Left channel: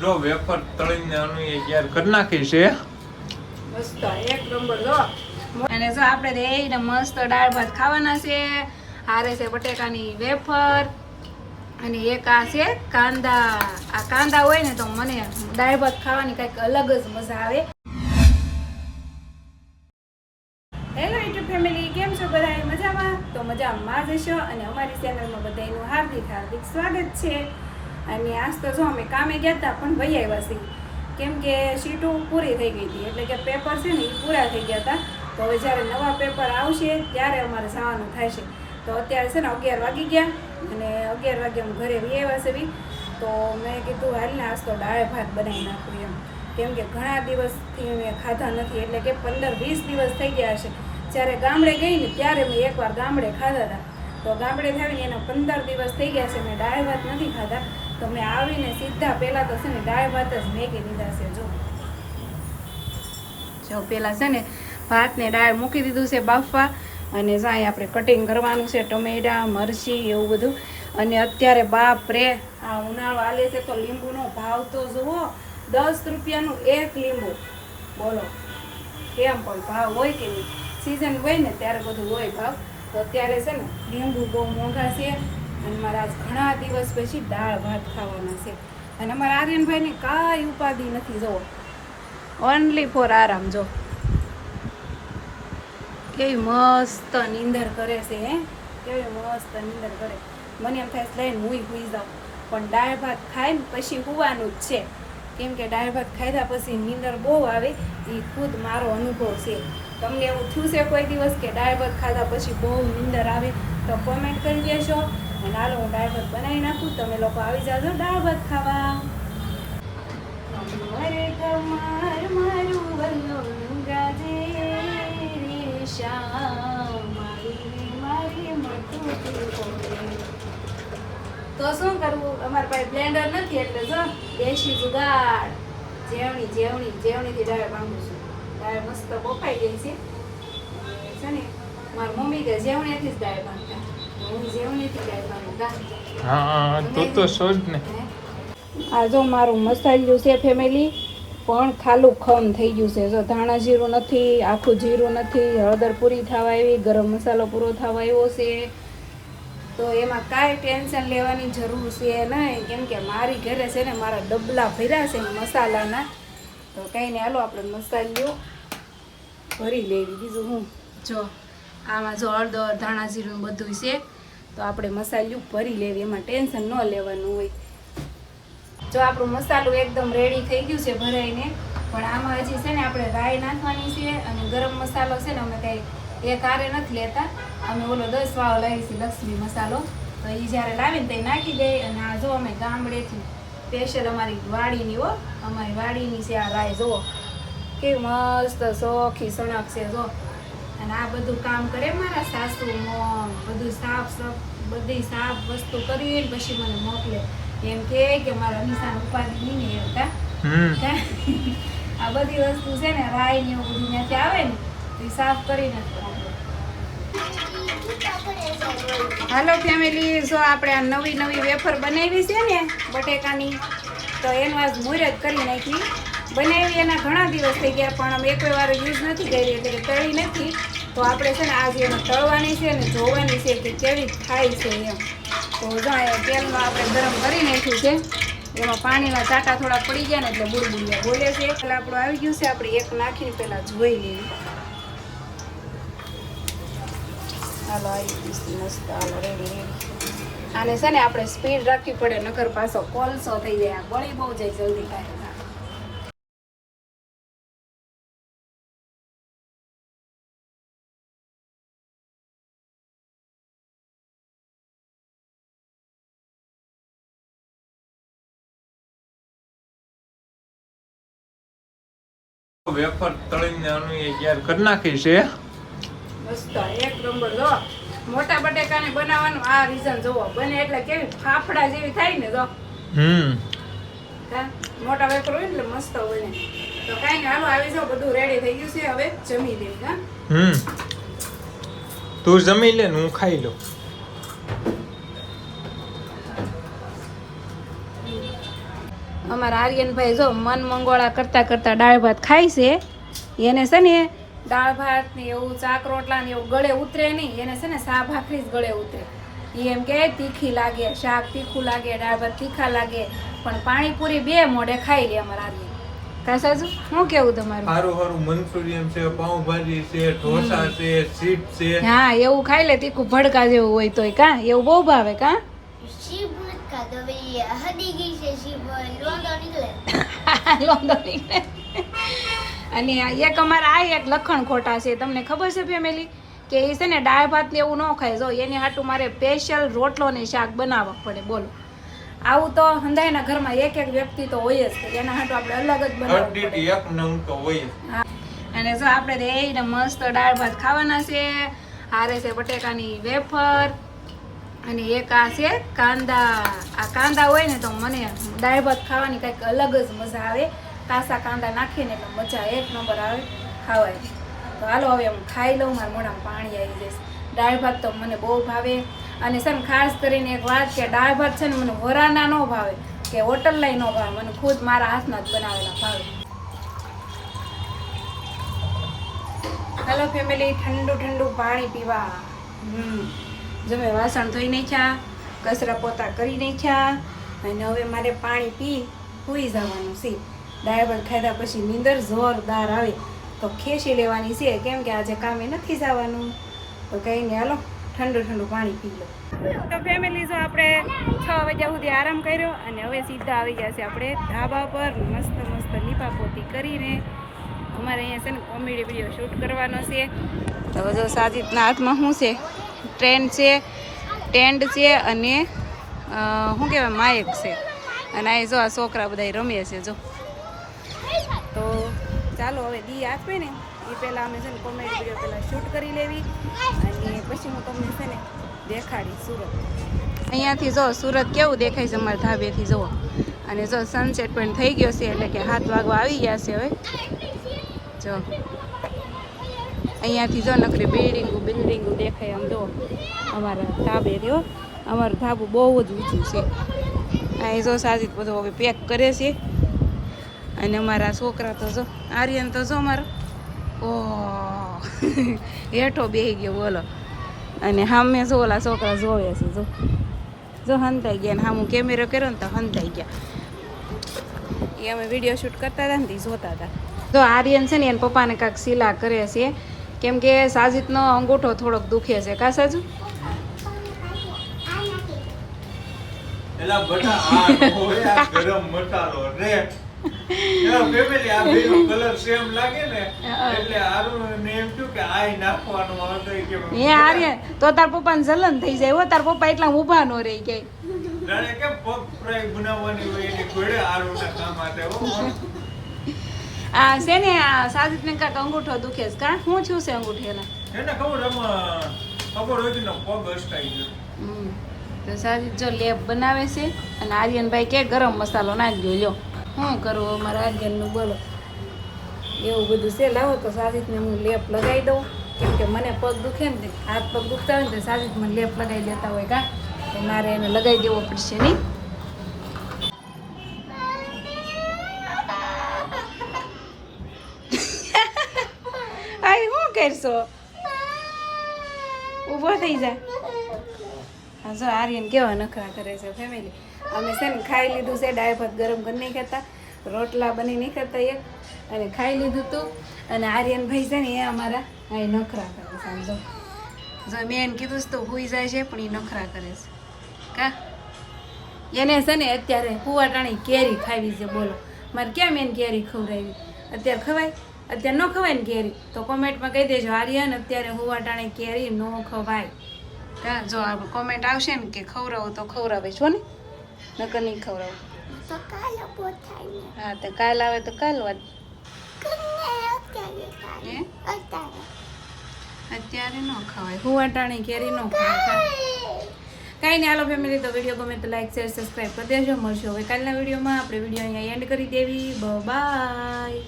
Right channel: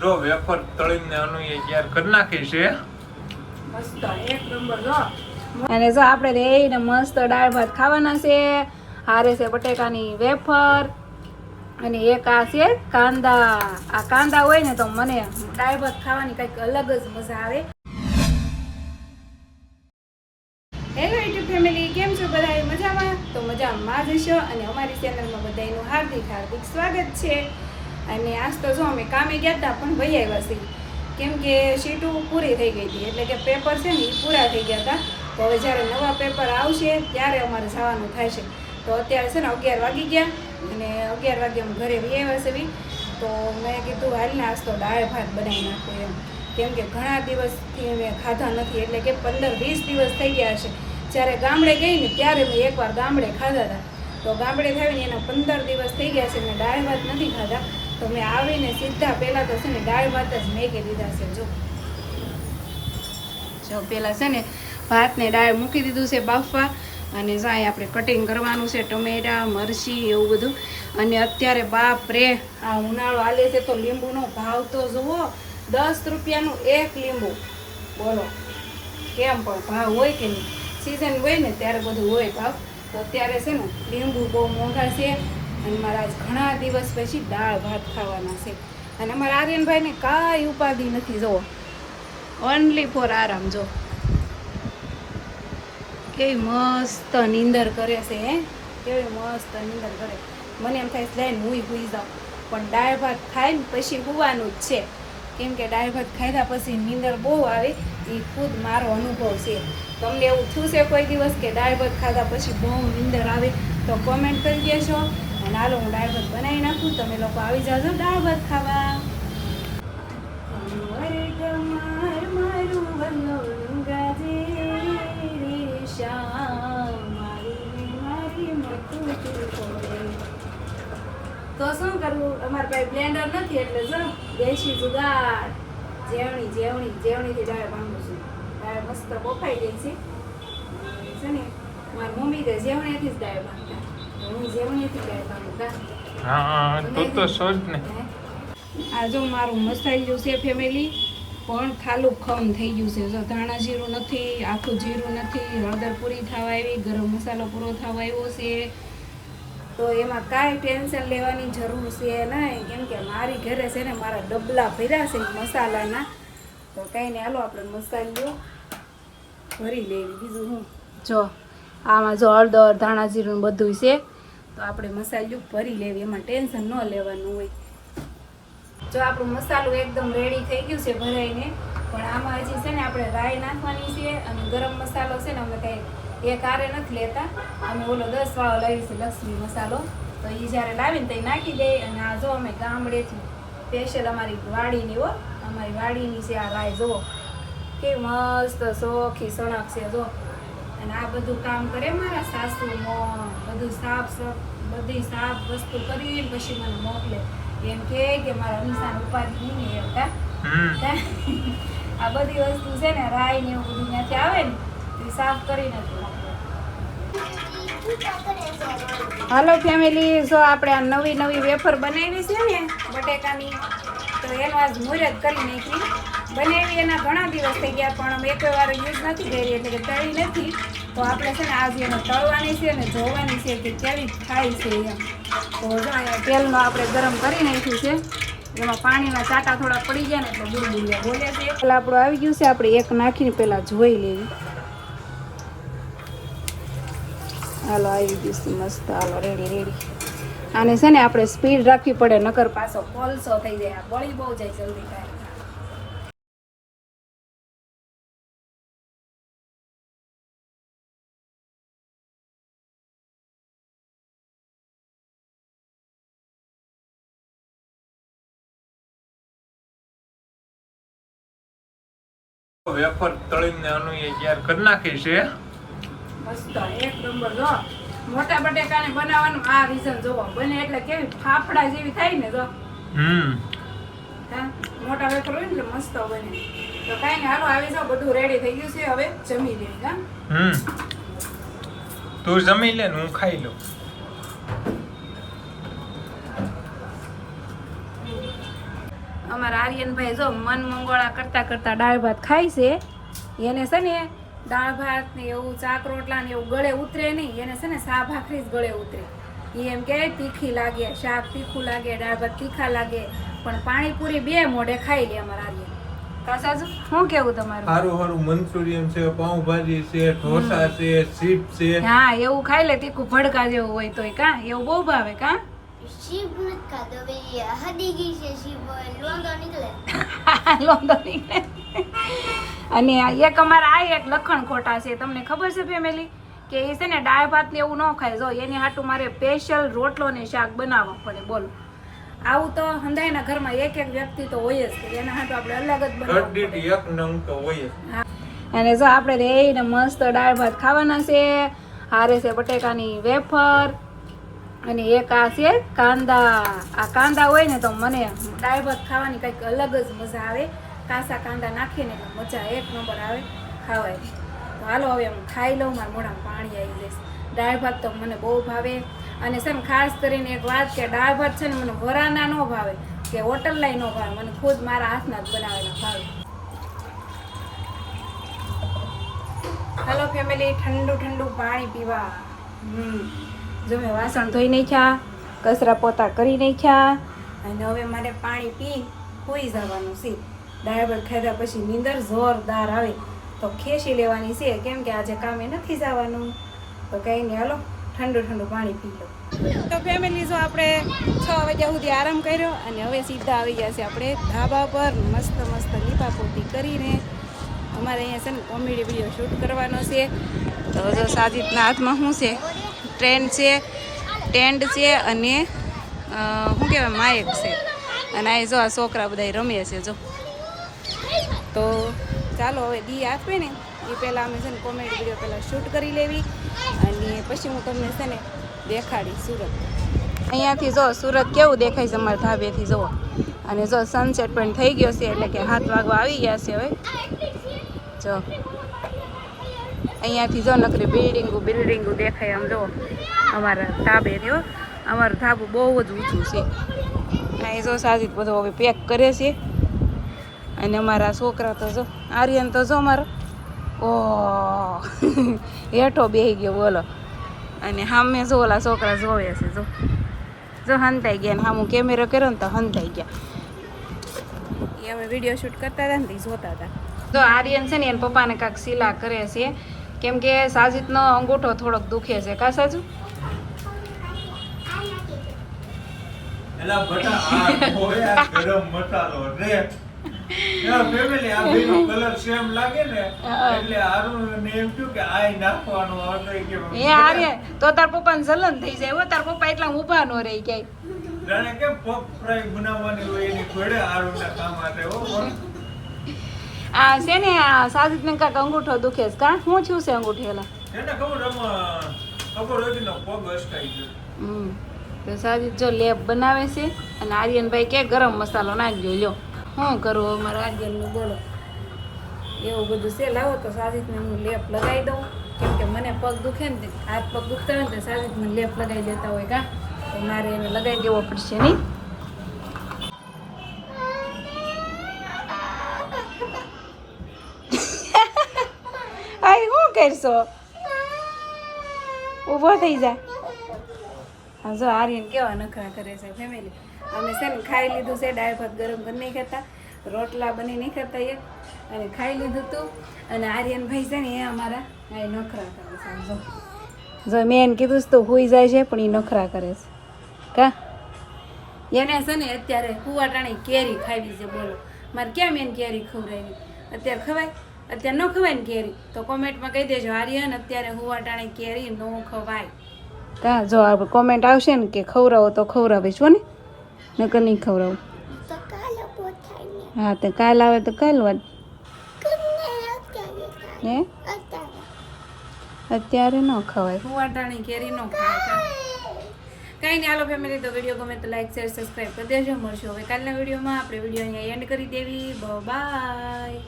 જો વેફર તળીને આનું એ તૈયાર કરી નાખી છે મસ્ત એક નંબર જો. અને જો આપણે રેને મસ્ત દાળ ભાત ખાવાના છે. હારે છે બટેકાની વેફર અને એક આ છે કાંદા. આ કાંદા હોય ને તો મને દાળ ભાત ખાવાની કંઈક અલગ જ મજા આવે. હેલો યુટ્યુબ ફેમિલી, કેમ છો બધા? મજામાં? તો મજામાં જ હશો. અને અમારી ચેનલમાં બધાનું હાર્દિક હાર્દિક સ્વાગત છે. અને આજ તો જો અમે કામે ગયા હતા પણ ભાઈ આવ્યા છીએ, કેમ કે સીટો પૂરી થઈ ગઈ હતી, એટલે કે પેપર છે ને એ પૂરા થઈ ગયા હતા. તો હવે જ્યારે નવા પેપર આવશે ત્યારે અમારે જવાનું થાય છે. તો અત્યારે છે ને 11 વાગી ગયા અને 11 વાગે અમે ઘરે આવ્યા છે. તો મેં કીધું હાલ ને આજ તો દાળ ભાત બનાવી નાખું એમ, કેમ કે ઘણા દિવસથી મેં ખાધા નથી, એટલે કે 15-20 દિવસ થઈ ગયા છે. જ્યારે ગામડે ગઈ ને ત્યારે મેં એકવાર ગામડે ખાધા હતા. તો ગામડે આવીને એના 15 દિવસ થઈ ગયા છે, મેં દાળ ભાત નથી ખાધા. તો મેં આવીને સીધા પહેલાં તો છે ને દાળ ભાત જ મેકી દીધા છે. જો પહેલાં છે ને ભાતને દાળ મૂકી દીધું છે બાફવા. અને જાય આપણે કટિંગ કરવાનું છે, ટમેટા મરચી એવું બધું. અને અત્યારે બાપ રે આ ઉનાળો હાલે છે તો લીંબુનો ભાવ તો જુઓ, 10 રૂપિયાનું એક લીંબુ. બોલો કેમ પણ ભાવ હોય કે નહીં? સિઝન હોય ને ત્યારે બધું હોય ભાવ. તો અત્યારે છે ને લીંબુ બહુ મોંઘા છે. અને મારા આજ ઘણા દિવસ પછી દાળ ભાત ખાવાના છે. અને અમારા આર્યનભાઈને કાંઈ ઉપાધિ નથી, જો ઓનલી ફોર આરામ. જો કેવી મસ્ત નીંદર કરે છે, કેવી મસ્ત નીંદર કરે. મને એમ થાય લઈને હુઈ જાઉં, પણ દાળ ભાત ખાઈને પછી હુવાનું જ છે. કેમ કે દાળ ભાત ખાધા પછી નીંદર બહુ આવે, એ ખુદ મારો અનુભવ છે. તમને એવું થયું છે કોઈ દિવસ કે દાળ ભાત ખાધા પછી બહુ નીંદર આવે? તો કોમેન્ટ કરી દેશો. અને હાલો હું દાળ ભાત બનાવી નાખું, તમે લોકો આવી જાજો દાળ ભાત ખાવા. તો શું કરવું, અમારા પાસે બ્લેન્ડર નથી, એટલે જો દેશી જુગાડ જેવણીથી દાળ બાંધું છું. દાળ મસ્ત બફાઈ ગઈ છે ને. મારી મમ્મી કે જેવણીથી જ દાળ બાંધતા, હું જેવણીથી દાળ બાંધતા. હા તો સોજ ને. આ જો મારું મસાલ્યું છે ફેમિલી, પણ ખાલું ખમ થઈ ગયું છે. જો ધાણા જીરું નથી, આખું જીરું નથી, હળદર પૂરી થવા આવી, ગરમ મસાલો પૂરો થવા આવ્યો છે. તો એમાં કાંઈ ટેન્શન લેવાની જરૂર છે નહીં, કેમ કે મારી ઘરે છે ને મારા ડબલા ભર્યા છે મસાલાના. તો કંઈ નહીં, હાલો આપણે મસાલો ભરી લેવી. બીજું હું જો આમાં જો હળદર ધાણા જીરું બધું છે, તો આપણે મસાલું ભરી લેવી, એમાં ટેન્શન ન લેવાનું હોય. જો આપણું મસાલું એકદમ રેડી થઈ ગયું છે ભરાઈને. પણ આમાં હજી છે ને આપણે રાઈ નાખવાની છે. અને ગરમ મસાલો છે ને અમે કંઈ એક હારે નથી લેતા, અમે ઓલો 10 વાળો લાવી છે લક્ષ્મી મસાલો. તો એ જ્યારે લાવીને તો નાખી દે. અને આ જો અમે ગામડેથી સ્પેશિયલ અમારી વાડીની અમારી વાડીની છે આ રાઈ. જુઓ કેવી મસ્ત સોખી સણક છે જો. અને આ બધું કામ કરે મારા સાસુ મોં, બધું બધી સાફ વસ્તુ કરીને પછી મને મોકલે. એમ કે મારા અનિશાન ઉપાધિ નહીં ને એમ. આ બધી વસ્તુ છે ને રાઈ ને એવું બધું ત્યાંથી આવે ને તો સાફ કરીને જ મોકલે. હાલો ફેમિલી, જો આપણે આ નવી વેફર બનાવી છે ને બટેકાની, તો એનું આજ મુહૂર્ત કરી નાખી. બનાવી એના ઘણા દિવસ થઈ ગયા, પણ અમે કોઈ વાર યુઝ નથી કરી, એટલે કે તળી નથી. તો આપણે છે ને આજે એને તળવાની છે અને જોવાની છે કે કેવી થાય છે એમ. તો જો તેલમાં આપણે ગરમ કરી નાખ્યું છે, એમાં પાણીના ચાટા થોડા પડી ગયા ને એટલે બુડબુડિયા બોલે છે. એટલે આપણું આવી ગયું છે, આપણે એક નાખીને પહેલાં જોઈ લઈએ. હાલો આવી ગયું છે મસ્ત, રેડી. આને છે ને આપણે સ્પીડ રાખવી પડે, નકર પાછો કોલસો થઈ જાય, બળી બહુ જાય જલ્દી થાય. વેફર તળીને આનું એ તૈયાર કરી નાખી છે મસ્ત એક નંબર. જો મોટા બટેકાને બનાવવાનું આ રીઝન જોવો, બને એટલે કેવી ફાફડા જેવી થાય ને. જો મોટા વેફર હોય એટલે મસ્ત બને. તો કાંઈ નહીં, હાલો આવી જાઓ, બધું રેડી થઈ ગયું છે, હવે જમી લેવી. તું જમી લે ને હું ખાઈ લઉં. અમારા આર્યનભાઈ જો મન મંગોળા કરતા કરતા દાળ ભાત ખાય છે. એને છે ને દાળ ભાત ને એવું શાક રોટલા ને એવું ગળે ઉતરે નહીં. એને છે ને સા ભાખરી જ ગળે ઉતરે. એ એમ કે તીખી લાગે, શાક તીખું લાગે, દાળ ભાત તીખા લાગે, પણ પાણીપુરી 2 મોઢે ખાઈ લે અમારા આર્યન. કઈ સાચું? શું કેવું તમારું? હારું મંચુરિયન છે, પાઉંભાજી છે, ઢોસા છે, ચીપ છે. હા એવું ખાઈ લે તીખું ભડકા જેવું હોય તોય. કા એવું બહુ ભાવે? કા શીપ નથી ખાતો ભાઈ, હદી ગઈ છે શીપ, લોંદો નીકળે. લોંદો નીકળે. અને એક અમારા આ એક લખણ ખોટા છે. તમને ખબર છે ફેમિલી કે એ છે ને દાળ ભાત ને એવું ન ખાય. જો એની હાટું મારે સ્પેશિયલ રોટલો ને શાક બનાવવા પડે. બોલો, આવું તો હંધાઈના ઘરમાં એક વ્યક્તિ તો હોય જ. એના હાટું આપણે અલગ જ બનાવવું પડે. એક નવું તો હોય જ. હા. અને જો આપણે રેને મસ્ત દાળ ભાત ખાવાના છે. હારે છે બટેકાની વેફર અને એક આ છે કાંદા. આ કાંદા હોય ને તો મને દાળ ભાત ખાવાની કંઈક અલગ જ મજા આવે. કાસા કાંદા નાખીને એટલે મજા એક નંબર આવે ખાવાય. તો હાલો હવે હું ખાઈ લઉં. મારા મોઢામાં પાણી આવી જશે. દાળ ભાત તો મને બહુ ભાવે. અને છે ને ખાસ કરીને એક વાત કે દાળ ભાત છે ને મને વરાના ન ભાવે કે હોટલના ન ભાવે. મને ખુદ મારા હાથના જ બનાવેલા ભાવે. હાલો ફેમિલી, ઠંડુ ઠંડુ પાણી પીવા. જો મેં વાસણ ધોઈ નાખ્યા, કચરા પોતા કરી નાખ્યા અને હવે મારે પાણી પી સૂઈ જવાનું છે. દાળ ભાત ખાધા પછી નીંદર જોરદાર આવે તો ખેંચી લેવાની છે, કેમ કે આજે કામે નથી જવાનું. તો કંઈ નહીં, હાલો ઠંડુ ઠંડુ પાણી પી લો. તો ફેમિલી જો આપણે 6 વાગ્યા સુધી આરામ કર્યો અને હવે સીધા આવી ગયા છે આપણે ધાબા પર. મસ્ત મસ્ત લીપાપોતી કરીને અમારે અહીંયા છે ને કોમેડી વિડીયો શૂટ કરવાનો છે. તો જો સાજીદના હાથમાં શું છે? ટેન્ડ છે અને શું કહેવાય માયક છે. અને આ જો આ છોકરા બધા રમે છે. જો તો ચાલો હવે દી આપે ને એ પહેલાં અમે છે ને કોમેડી વિડીયો પહેલાં શૂટ કરી લેવી અને પછી હું તમને છે ને દેખાડી સુરત. અહીંયાથી જો સુરત કેવું દેખાય છે અમારા ધાબેથી જુઓ. અને જો સનસેટ પણ થઈ ગયો છે એટલે કે 7 વાગવા આવી ગયા છે હવે. જો અહીંયાથી જો નકરી બિલ્ડિંગો દેખાય. આમ જો અમારા ધાબે રહ્યો. અમારું ધાબું બહુ જ ઊંચું છે. અહીં જો સાજીદ બધો હવે પેક કરે છે. અને અમારા છોકરા તો જો આર્યન તો જો અમારો હેઠો બેસી ગયો. બોલો. અને સામે જો ઓલા છોકરા જોવે છે. જો હંતાઈ ગયા. ને સામું કેમેરો કર્યો ને તો હંતાઈ ગયા. એ અમે વિડીયો શૂટ કરતા હતા ને તે જોતા હતા. જો આર્યન છે ને એના પપ્પાને કાંઈક સિલા કરે છે, કેમ કે સાજીદનો અંગૂઠો થોડોક દુખે છે. કા સાજુ? એલા બટા આ હોય ગરમ મસાલો રે. ફેમિલી આ બેનો કલર સેમ લાગે ને એટલે આરું ને એમ થયું કે આય નાખવાનો હતો કે એ આર્યન તો તાર પપ્પાને જલન થઈ જાય. હો તાર પપ્પા એટલા ઊભા નો રહી ગઈ. જાણે કે પગ ફ્રાય બનાવવાની હોય એની જોડે આરું ના કામ આતે હો. આ છે ને આ સાજીદને કાંઈક અંગૂઠો દુખે છે. કા શું થયું છે અંગૂઠેલા? એને ખબર હોય ને પગ અસકાઈ ગયો. તો સાજીદ જો લેપ બનાવે છે અને આર્યનભાઈ કે ગરમ મસાલો નાખી દો. લ્યો શું કરું અમારા આર્યનનું? બોલો, એવું બધું છે. લાવો તો સાજીદને હું લેપ લગાવી દઉં, કેમ કે મને પગ દુખે ને, હાથ પગ દુખતા હોય ને તો સાજીદ મને લેપ લગાવી દેતા હોય. કા તો મારે એને લગાવી દેવો પડશે નહીં? આઈ શું કરશો? ઊભો થઈ જા. હા જો આર્યન કેવા નખરા કરે છે ફેમિલી. અમે છે ને ખાઈ લીધું છે. દાળ ભાત ગરમ કરી નહીં ખાતા, રોટલા બની નહીં ખાતા એક, અને ખાઈ લીધું હતું. અને આર્યનભાઈ છે ને એ અમારા આ નખરા કરે છે. જો મેં એને કીધું તો હોઈ જાય છે પણ એ નખરા કરે છે. કા એને છે ને અત્યારે કુવાટાણી કેરી ખાવી છે. બોલો, મારે કેમ એને કેરી ખવડાવી? અત્યારે ખવાય? અત્યારે ન ખવાય ને કેરી? તો કોમેન્ટમાં કહી દેજો આર્યન અત્યારે હુવાટાણી કેરી ન ખવાય. કા જો આ કોમેન્ટ આવશે ને કે ખવડાવો તો ખવડાવીશ હો ને, નકર નહીં ખવડાવું. તો કાલે પોતાય ને હા તો કાલ આવે તો કાલ વાત. હે અત્યારે ન ખવાય હુવાટાણી કેરી ન ખવાય. કાંઈ નહીં, હાલો ફેમિલી, તો વિડીયો ગમે તો લાઈક શેર સબસ્ક્રાઈબ કરી દેજો. મળશું હવે કાલના વિડીયોમાં. આપણે વિડીયો અહીંયા એન્ડ કરી દેવી. બાય.